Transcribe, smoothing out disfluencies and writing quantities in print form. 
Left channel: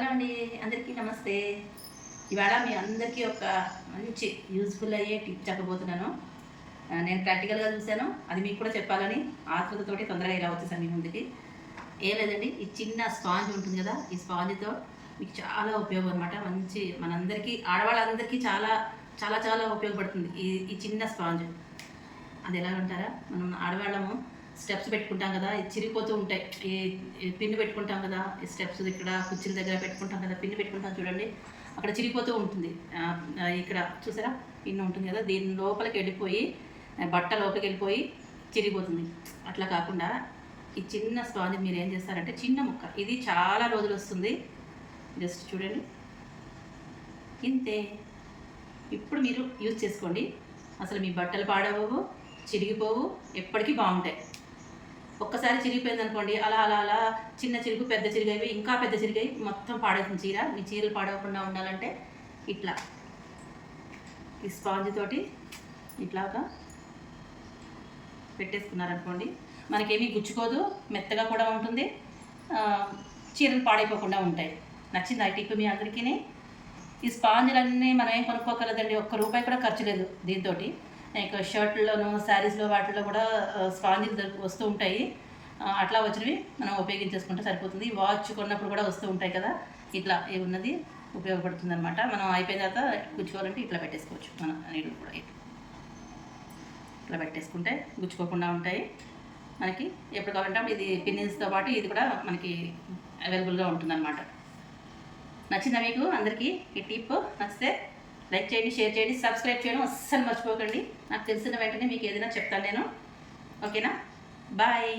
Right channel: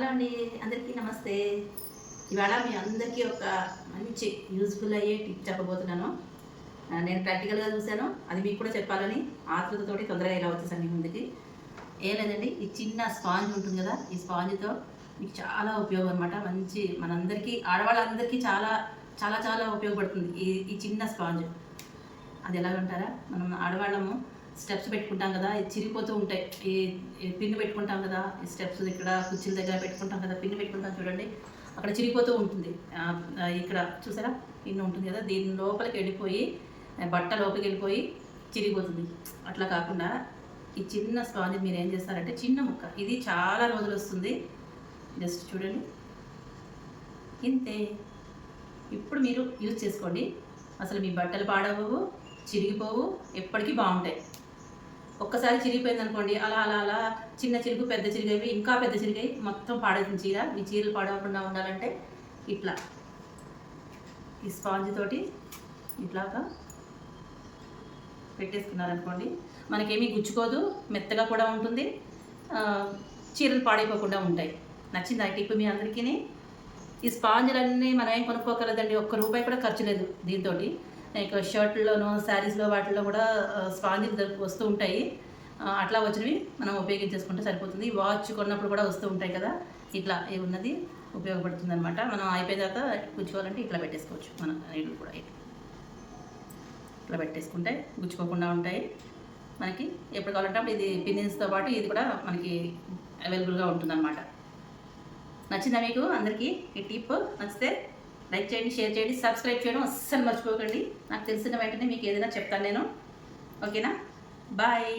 Hello అండి, అందరికీ నమస్తే. ఇవాళ మీ అందరికీ ఒక మంచి యూజ్ఫుల్ అయ్యే టిప్ చెప్పబోతున్నాను. నేను ప్రాక్టికల్గా చూశాను, అది మీకు కూడా చెప్పాలని ఆతృతతోటి తొందరగా ఇలా వచ్చేసాను మీ ముందుకి. ఏం లేదండి, ఈ చిన్న స్పాంజ్ ఉంటుంది కదా, ఈ స్పాంజ్తో మీకు చాలా ఉపయోగం అనమాట. మంచి మనందరికీ ఆడవాళ్ళందరికీ చాలా చాలా చాలా ఉపయోగపడుతుంది ఈ చిన్న స్పాంజ్. అది ఎలాగంటారా, మనం ఆడవాళ్ళము స్టెప్స్ పెట్టుకుంటాం కదా, చిరిగిపోతూ ఉంటాయి. ఈ పిన్ను పెట్టుకుంటాం కదా, ఈ స్టెప్స్ ఇక్కడ కుర్చీల దగ్గర పెట్టుకుంటాం కదా, పిన్ను పెట్టుకుంటాం చూడండి, అక్కడ చిరిగిపోతూ ఉంటుంది. ఇక్కడ చూసారా పిన్ను ఉంటుంది కదా, దీని లోపలికి వెళ్ళిపోయి బట్ట లోపలికి వెళ్ళిపోయి చిరిగిపోతుంది. అట్లా కాకుండా ఈ చిన్న స్పాంజ్ మీరు ఏం చేస్తారంటే, చిన్న ముక్క, ఇది చాలా రోజులు వస్తుంది. జస్ట్ చూడండి, ఇంతే. ఇప్పుడు మీరు యూజ్ చేసుకోండి, అసలు మీ బట్టలు పాడవవు, చిరిగిపోవు, ఎప్పటికీ బాగుంటాయి. ఒక్కసారి చిరిగిపోయింది అనుకోండి, అలా అలా అలా చిన్న చిరుగు పెద్ద చిరిగేవి, ఇంకా పెద్ద చిరిగాయి, మొత్తం పాడవుతుంది చీర. మీ చీరలు పాడవకుండా ఉండాలంటే ఇట్లా ఈ స్పాంజ్ తోటి ఇట్లాగా పెట్టేసుకున్నారనుకోండి, మనకేమీ గుచ్చుకోదు, మెత్తగా కూడా ఉంటుంది, చీరలు పాడైపోకుండా ఉంటాయి. నచ్చింది ఆ టిప్ మీ అందరికీ? ఈ స్పాంజులన్నీ మనం ఏం కొనుక్కోగలదండి, ₹1 కూడా ఖర్చు లేదు దీంతో. ఇక షర్ట్లోను, శారీస్లో వాటిల్లో కూడా స్పాంజీలు వస్తూ ఉంటాయి. అట్లా వచ్చినవి మనం ఉపయోగించేసుకుంటే సరిపోతుంది. వాచ్ కొన్నప్పుడు కూడా వస్తూ ఉంటాయి కదా, ఇట్లా ఉన్నది ఉపయోగపడుతుంది అనమాట. మనం అయిపోయిన తర్వాత గుచ్చుకోవాలంటే ఇట్లా పెట్టేసుకోవచ్చు. మన నీళ్ళు కూడా ఇట్లా పెట్టేసుకుంటే గుచ్చుకోకుండా ఉంటాయి. మనకి ఎప్పుడు కావాలంటే ఇది పిన్నిస్తో పాటు ఇది కూడా మనకి అవైలబుల్గా ఉంటుందన్నమాట. నచ్చిందా మీకు అందరికీ ఈ టిప్? నచ్చితే లైక్ చేయండి, షేర్ చేయండి, సబ్స్క్రైబ్ చేయడం అస్సలు మర్చిపోకండి. నాకు తెలిసిన వెంటనే మీకు ఏదైనా చెప్తాను నేను. ఓకేనా? బాయ్.